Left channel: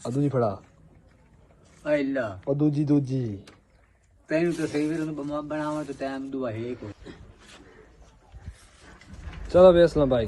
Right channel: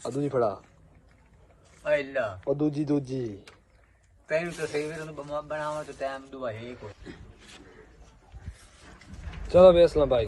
ਅਜੀ ਖੜਾ ਆਇਲਾ ਉਹ ਦੂਜੀ ਤੈਨੂੰ ਤਾਂ ਸਹੀ ਨੂੰ ਬਣਾ ਬਣਾਵਾਂ ਤੇ ਟਾਈਮ ਦੁਆ ਹੈ ਕੋਈ ਚਲੋ ਵੇਸ ਲਾ ਭਾਈ।